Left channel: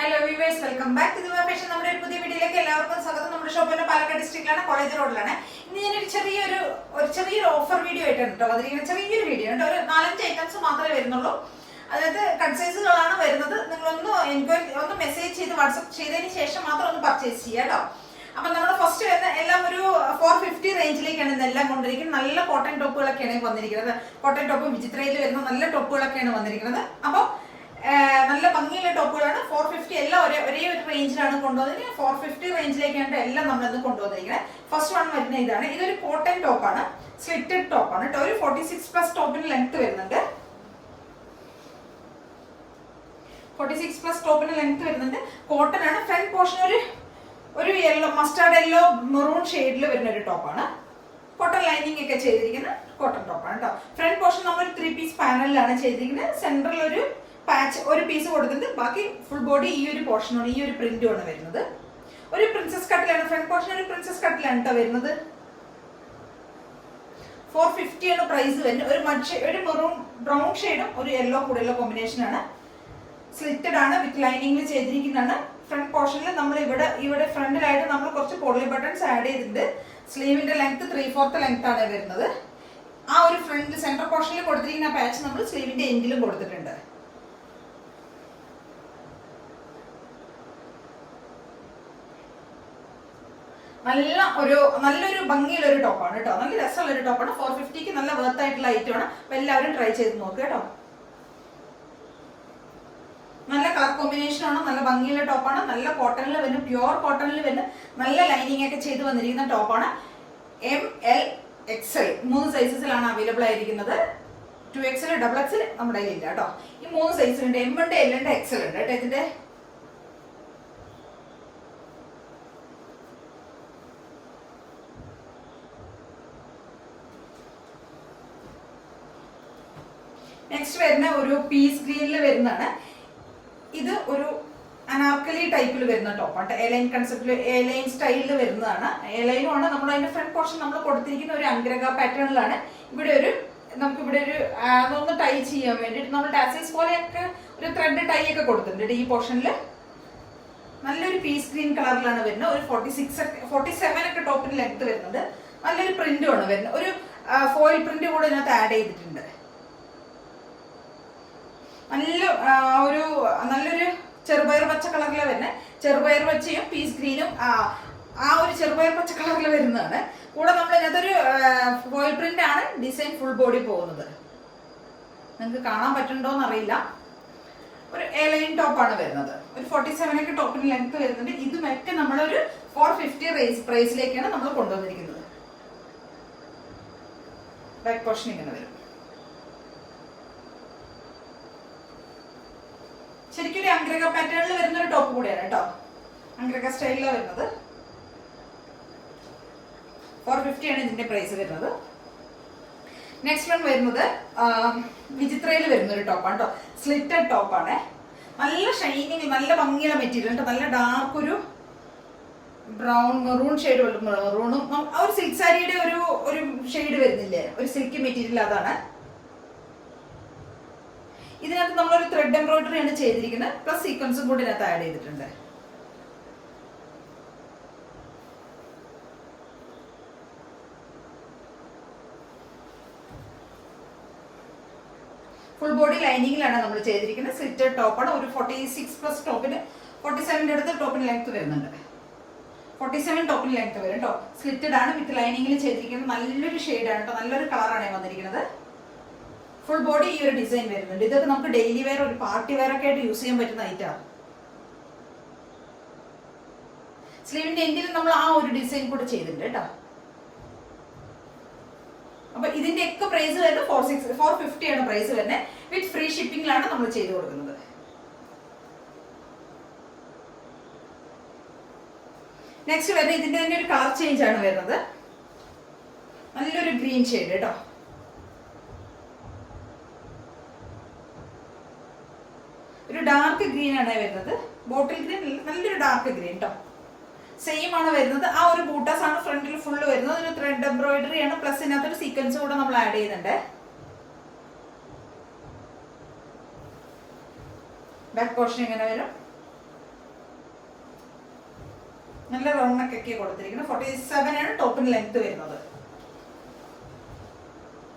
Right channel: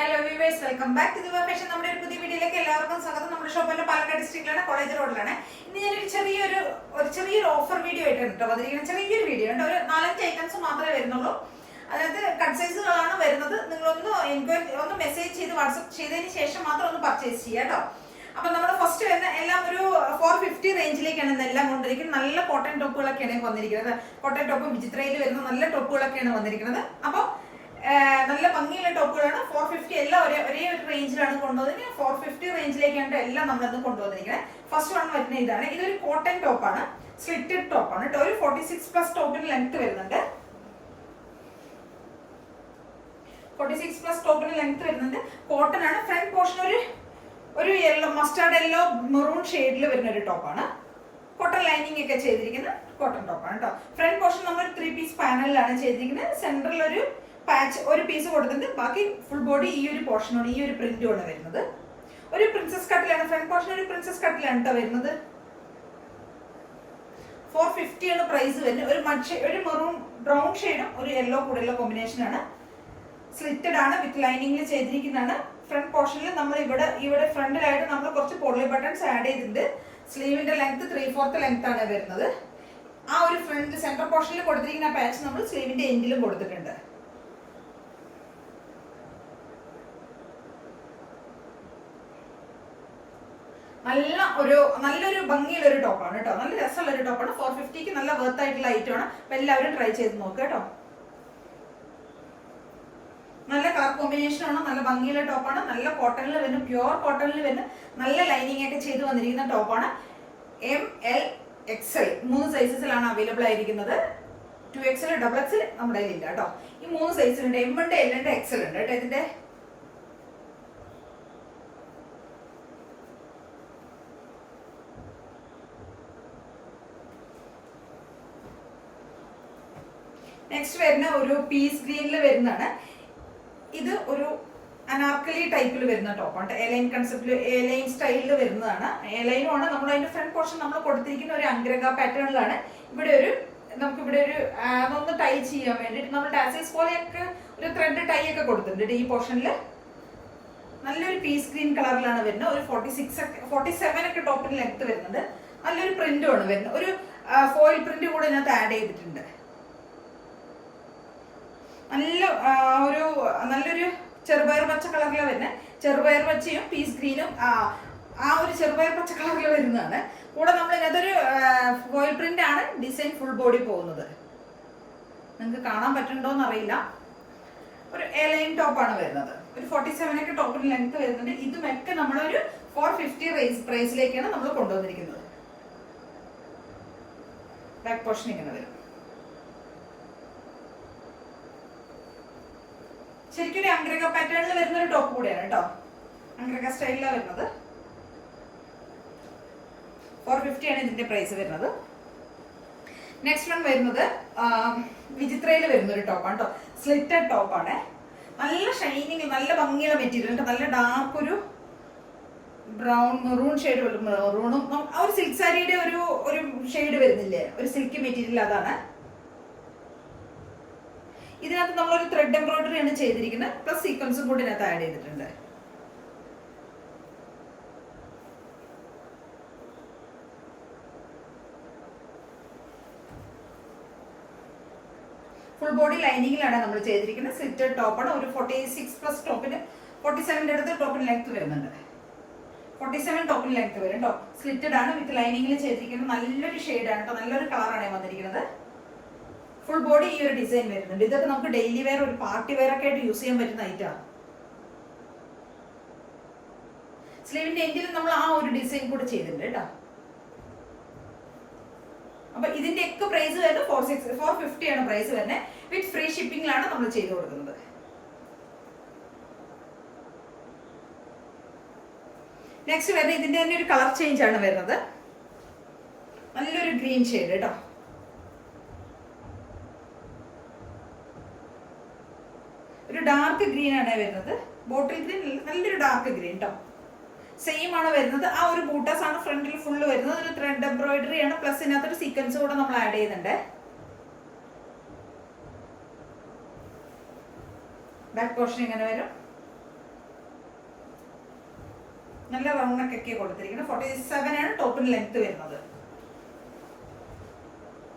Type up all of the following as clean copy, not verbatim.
Hello viewers, welcome back to the fashion. നമ്മുടെ ഒരു പുതിയ വീഡിയോയിലേക്ക് എല്ലാവർക്കും സ്വാഗതം. നമ്മുടെ ഷോപ്പ് പാലക്കാട് ഡിസ്ട്രിക്റ്റിലാണ്, കോളേജ് റോഡിലാണ്. ഇന്ന് ഞാനൊരു ചെറിയൊരു ഓഫർ വീഡിയോ ആയിട്ടാണ് കേട്ടോ വന്നിരിക്കുന്നത്. ചെറിയൊരു വീഡിയോ ഉണ്ട്, ഒരു 4-5 ഐറ്റംസ് മാത്രമേ വരുന്നുള്ളൂ. അതായത് കട്ട് സൈസുകളാണ് വരുന്നത്. നിങ്ങളൊന്ന് മെസ്സേജ് ചെയ്ത് വാട്സപ്പ് ചെയ്തതിന് ശേഷം മാത്രം ഒന്ന് പർച്ചേസ് ചെയ്യുക കേട്ടോ. അപ്പൊ നമ്മൾ ഫസ്റ്റ് വരുന്ന എല്ലാം ഒരു 450 റേഞ്ചിലേക്കാണ് ഇന്നെല്ലാം കൊണ്ടിരിക്കുന്നത്. നല്ല കോട്ടൺ ടോപ്പുകളൊക്കെയാണ് വന്നിരിക്കുന്നത്. കോട്ടൺ ടോപ്പ് വിചിത്രയിൽ വരുന്ന നല്ല ടോപ്പുകളൊക്കെയാണ് വന്നിരിക്കുന്നത്. അപ്പോൾ നല്ല ഭംഗിയുള്ള ടോപ്പുകളാണ്. 450 എല്ലാം ഒരേ ഒരു റേഞ്ചിലാണ് കൊണ്ടുവന്നത്. 450 റേഞ്ചിലേക്കാണ് എല്ലാം നമ്മളത് കൊണ്ടുവന്നിരിക്കുന്നത്. ഫസ്റ്റ് വൺ വരുന്ന ഇതാണ്. ഇതൊരു കോട്ടൺ ടോപ്പാണ്, സ്ലിറ്റഡ് ടോപ്പാണ് കേട്ടോ. ഒരു 46+ ടോപ്പിന് ലെങ്ത് വരുന്നുണ്ട്. 46+ ടോപ്പിന് ലെങ്ത് വരുന്നുണ്ട്. കോട്ടൺ ആണ്. ഫ്രണ്ട് പോർഷൻ ഒരു യെല്ലോ, മസ്റ്റാർഡ് യെല്ലോ മെറൂൺ ഷെയ്ഡിൽ വരുന്ന ഒരു ടോപ്പാണ്. കോട്ടൺ ലൈനിങ് ഒക്കെ ചെയ്തിരിക്കുന്ന കോട്ടൺ ടോപ്പാണ് കേട്ടോ. ഫ്രണ്ട് പോർഷൻ നമ്മൾ 3 പീസ് പാനലിലാണ് ചെയ്തിരിക്കുന്നത്. സെൻട്രൽ ഒരു പാച്ച് ഒരു പീസ് കൊടുത്തിട്ട് ബാക്കി ഫുൾ ബോഡി ഈ ഒരു പോർഷനാണ്, ഈ ഒരു പ്രിന്റുമാണ് വരുന്നത്. ഒരു പ്രിൻസസ് കട്ടിലാണ്. ഫ്രണ്ട് പോർഷൻ ഒരു പ്രിൻസസ് കട്ടിലാണ് കേട്ടോ വരുന്നത്. 450 ആണ് പ്രൈസ് വരുന്നത്. ഒരു മെറൂൺ ബ്രൗൺ ഷെയ്ഡും ഒരു യെല്ലോ കൂടെയുള്ള കോമ്പിനേഷൻ ആണ്. സ്ലിറ്റഡ് ആണ്, വിത്ത് ലൈനിങ്ങിൽ ചെയ്തിരിക്കുന്നതാണ്. ഫ്രണ്ട് പോർഷനിൽ നമ്മൾ ഇവിടെ ഫ്രണ്ടിലായിട്ട് നമ്മൾ കുറച്ച് പോളി ബട്ടൺസ് ആഡ് ചെയ്തിട്ടുണ്ട്. സ്ലീവിന്റെ ലെങ്ത് 3/4 ലെങ്ത് ആണ് വരുന്നത്. ആ ഒരു ഫ്രണ്ട് സെന്റർ പോർഷനിൽ കൊടുത്തിരിക്കുന്ന പാച്ച് നമ്മൾ സ്ലീവിന്റെ എൻഡിലും കൊടുത്തിട്ടുണ്ട്. നല്ലൊരു ഭംഗിയുള്ള ഒരു ടോപ്പാണ് കേട്ടോ. നല്ല രസമുള്ള ഒരു ടോപ്പാണ്. 450ക്ക് നല്ല വർത്ത് ആയിട്ടുള്ള ഐറ്റം ആണ്. അപ്പൊ എല്ലാവരും ട്രൈ ചെയ്ത് നോക്കുക കേട്ടോ. നല്ല കളർ കോമ്പിനേഷൻ ആണ്. നല്ല ഭംഗിയുള്ള ടോപ്പാണ്. നല്ല കോട്ടണിൽ വരുന്ന, പ്യുവർ കോട്ടണിൽ വരുന്ന, നല്ല ലൈനിങ് ഒക്കെ ചെയ്ത് വന്നിരിക്കുന്ന ടോപ്പാണ്. ML XL 3 സൈസസിലാണ് അവൈലബിൾ ആയിരിക്കുന്നത്. 2XL XXL നമ്മുടെ കയ്യിലില്ല കേട്ടോ. ഈ 3 സൈസിലുണ്ട്. M ഉണ്ട്, L ഉണ്ട്, XL ഉണ്ട് കേട്ടോ. ഇതിന്റെ നെക്സ്റ്റ് വരുന്ന ഒരു പീസ് ഗ്രീനിൽ വരുന്നതാണ്. ഇത് ഒരു അനാർക്കലി ടൈപ്പിൽ വരുന്ന ടോപ്പാണ്. എലൈൻ കൺസെപ്റ്റിൽ, എലൈൻ സ്റ്റൈലിൽ വരുന്നതാണ്. എലൈനും ആണ്. നമ്മൾ അതിന്റെ ഫ്രണ്ട് പോർഷൻ നമ്മൾ കൊടുത്തിരിക്കുന്ന ഒരു അംഗ്രക പാറ്റേണിലാണ്. നമുക്കിവിടെ ഒരു അതൊന്ന് ടൈ ചെയ്യാൻ വേണ്ടിയിട്ട് നമ്മൾ ടാസൈസ് പോലെയൊക്കെ ഒരു ത്രെഡ് ടൈ ഒക്കെ കൊടുത്തിട്ടുണ്ട്. ഈ പോർഷനിൽ നല്ലൊരു പീസ് ഗ്രീൻ കളറിലാണ് വരുന്നത്. ഒരു 47 ഒക്കെ ടോപ്പിന് ലെങ്ത് വരുന്നുണ്ട്. നല്ലൊരു പ്രിന്റുമാണ് വരുന്നത്. ഒരു ഫോയിൽ പ്രിന്റ് കൂടെ ഇതിനകത്ത് ആഡ് ചെയ്തിട്ടുണ്ട്. നല്ലൊരു ചെറുപയർ പച്ച കളറിലാണ് വരുന്നത്. ചെറുപയർ പച്ചയും പീസ് ഗ്രീനും ആ ഒരു ചെറുപയർ പച്ച കളറിൽ വരുന്നതാണ്. കൂടെ നമ്മൾ ഇതിനകത്തൊരു ഫോയിൽ പ്രിന്റ് ആണ് ഡിസൈൻ ഫുൾ ബോഡി പോകുന്നത്. നിങ്ങൾക്ക് കാണാൻ പറ്റുന്നുണ്ടോന്ന് അറിയില്ല. ഒരു എലൈൻ ടോപ്പാണ് വരുന്നത്. ഒരു 47 ഒക്കെ ടോപ്പിന് ലെങ്ത് വരുന്നുണ്ട്. ഇതുമൊക്കെ നമ്മളൊരു 450 പ്രൈസിലേക്കാണ് നമ്മൾ കൊണ്ടുവന്നിരിക്കുന്നത്. ബാക്ക് പോർഷൻ ഇങ്ങനെ വരും. ശരിക്കും ഒരു അംഗ്രക പാറ്റേണിൽ വരുന്ന ഒരു ടോപ്പ് കൂടെയാണ് കേട്ടോ. അംഗ്രക സ്റ്റൈലിലാണ് വരുന്നത്. 450 ആണ് ഇതിന്റെ പ്രൈസ് വരുന്നത്. നെക്സ്റ്റ് വൺ വരുന്നത് വിചിത്രയിൽ വരുന്ന ഒരു ടോപ്പാണ് കേട്ടോ. സ്ലിറ്റഡ് ടോപ്പാണ്. നല്ല ഷൈനിങ്, നല്ല ഭംഗിയുള്ള മെറ്റീരിയൽ കേട്ടോ. നല്ല ഡാർക്ക് ഒരു ബ്രൗൺ മെറൂൺ ഷെയ്ഡ്, മെറൂണും ആ ഒരു സിൽക്ക് സാരിയുടെ ഒരു ഷെയ്ഡ് വരുന്നില്ലേ, ഒരു സിൽക്കി മെറ്റീരിയൽ, അതാണ്. ഇതിനകത്ത് നമ്മളൊരു ത്രെഡ് എംബ്രോയിഡറി ആണ് ചെയ്തിരിക്കുന്നത്. പ്ലസ് സീക്വൻസും കൂടി ഇതിനകത്ത് ആഡ് ചെയ്തിട്ടുണ്ട്. ഫുൾ ബോഡി ലൈനിങ്ങിലാണ് നമ്മൾ ചെയ്തിരിക്കുന്നത്. സ്ലിറ്റഡ് ടോപ്പാണ്. ഒരു 46+ ടോപ്പിന് 47 അടുത്ത് ടോപ്പിന് ലെങ്ത് വരുന്നുണ്ട്. 47 ടോപ്പിന് ലെങ്ത് വരും കേട്ടോ. സ്ലിറ്റഡ് ആണ്, വിത്ത് ലൈനിങ്ങിൽ ചെയ്തിരിക്കുന്നത്. നല്ലൊരു ഷെയ്ഡാണ് കേട്ടോ. നല്ലൊരു കളറാണ് വന്നിരിക്കുന്നത്. ഫുൾ ബോഡി ഈ ഒരു ഡിസൈൻ വരുന്നുണ്ട്. ഇതൊക്കെ നമുക്ക് ഡെയിലി വെയർ, ഒരു പാർട്ടി വെയർ ഒക്കെ ആയിട്ട് യൂസ് ചെയ്യാൻ പറ്റുന്ന ഐറ്റമാണ്. സ്ലീവിന്റെ എൻഡിൽ നമ്മൾ ആ ഒരു ഡിസൈൻ കൂടെ ചെയ്തിട്ടുണ്ട് കേട്ടോ. അപ്പൊ ഇതിന്റെ ഒക്കെ പ്രൈസ് വരുന്നത് 450 ആണ് പ്രൈസ് വരുന്നത്. വിത്ത് ഫ്രീ ഷിപ്പിംഗിലാണ് നമ്മൾ ചെയ്ത് കൊടുക്കുന്നത്. നെക്സ്റ്റ് വരുന്നത് ഇതിന്റെ തന്നെ ഒരു കളർ ചേഞ്ച് ആണ് വരുന്നത്. നല്ലൊരു ഗ്രീൻ ഷെയ്ഡ് കേട്ടോ. ഒരു ഡാർക്ക് ഗ്രീൻ ആണ് വരുന്നത്. ബോട്ടിൽ ഗ്രീൻ, നല്ലൊരു ഡാർക്ക് ഗ്രീൻ കേട്ടോ. സെയിം ആണ് വരുന്നത്. ആ ഒരു ബൂട്ടാസ് ആണ് ഫ്രണ്ടിൽ ഫുള്ള് വരുന്നത്. ഒരു ത്രെഡ് എംബ്രോയിഡറി ആണ്. പ്ലസ് ഇതിനകത്തൊരു സീക്വൻസ് കൂടെ നമ്മൾ ആഡ് ചെയ്യുന്നുണ്ട്. ബാക്ക് പോർഷൻ ഇങ്ങനെ വരും. നല്ല റൗണ്ട് നെക്ക് ഒക്കെ കൊടുത്തിരിക്കുന്നത്. 47 ആണ് ടോപ്പിന് ലെങ്ത് വരുന്നത്.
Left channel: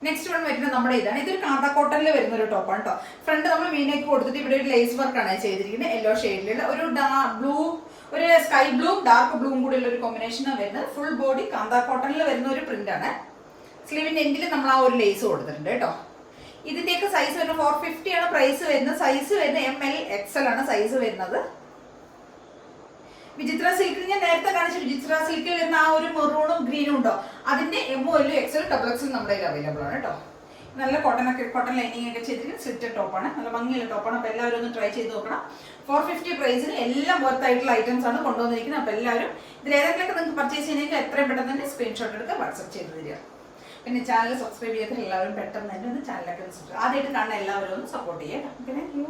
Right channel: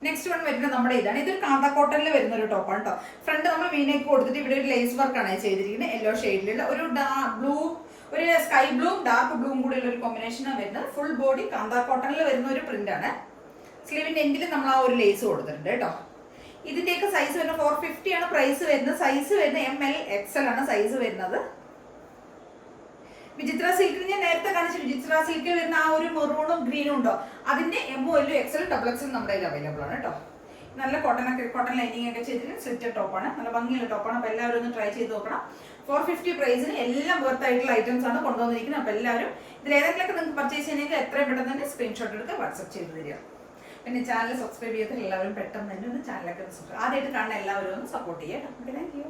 നെക്സ്റ്റ് വൺ വരുന്നത് നമ്മുടെ ഇതാണ്. ഇതൊരു കാന്ത കോട്ടണിൽ വരുന്ന ഒരു ടോപ്പാണ് കേട്ടോ. ഫ്രണ്ട് നമ്മൾ വീനേക്ക് കൊടുത്തിട്ട് ഇവിടെ ഒരു ലേസ് വർക്കാണ് ചെയ്തിരിക്കുന്നത്. യെല്ലോ ഷെയ്ഡിലുള്ള ഒരു ബ്ലൂ, ഒരു സ്കൈ ബ്ലൂവും ഡാർക്ക് ബ്ലൂവും കൂടി ഉള്ള ഒരു കോമ്പിനേഷനാണ് വരുന്നത്. ഫുൾ ബോഡി കാന്ത കോട്ടണിൽ വരുന്ന ഒരു പ്രിന്റ് ആണ്. സ്ലീവിന്റെ എൻഡിൽ നമ്മൾ ആ ഒരു ലേസ് കൊടുത്തിട്ടുണ്ട് കേട്ടോ. ഇതിന്റെയൊക്കെ സൈസ് വരുന്നത് 450 ആണ് പ്രൈസ് വരുന്നത്. സൈസ് വരുന്നത് ML XL ആണ് സൈസ് വരുന്നത്. വിചിത്ര സിൽക്കിൽ ഞാൻ നേരത്തെ കാണിച്ച വിചിത്ര സിൽക്കിൽ വരുന്ന ആ ഒരു മെറൂണും ഗ്രീനും ഉണ്ടോ, അതിന്റെ ML XL XXL നമ്മുടെ കയ്യിൽ അവൈലബിൾ ആണ് കേട്ടോ. നല്ല കോട്ടൺ ലൈനിങ് ഒക്കെ ചെയ്തിട്ട് സ്ലിറ്റഡ് ടോപ്പാണ്. നല്ല ഭംഗിയുള്ള ടോപ്പാണ്. അപ്പോൾ എല്ലാവരും ഒന്ന് ട്രൈ ചെയ്ത് നോക്കണം. 450 പ്രൈസിന് എല്ലാം വർത്ത് ആയിട്ടുള്ള ഐറ്റംസ് ആണ് കൊണ്ടുവന്നിരിക്കുന്നത്. അപ്പോൾ എല്ലാവരും ഇതിൽ ഏതെങ്കിലുമൊക്കെ നിങ്ങൾക്ക് പർച്ചേസ് ചെയ്യണമെങ്കിൽ എത്രയും പെട്ടെന്ന് തന്നെ സ്ക്രീൻഷോട്ട് എടുത്ത് വാട്സ്ആപ്പ് ചെയ്ത് തരിക. പിന്നെ ചാനൽ സബ്സ്ക്രൈബ് ചെയ്തിട്ട് എല്ലാവരും പെട്ടെന്ന് തന്നെ ഒന്ന് ചാനലൊക്കെ ആദ്യമായിട്ട് കാണുന്ന എല്ലാവരും ഒന്ന് സപ്പോർട്ട് ചെയ്യാം. Okay, thank you.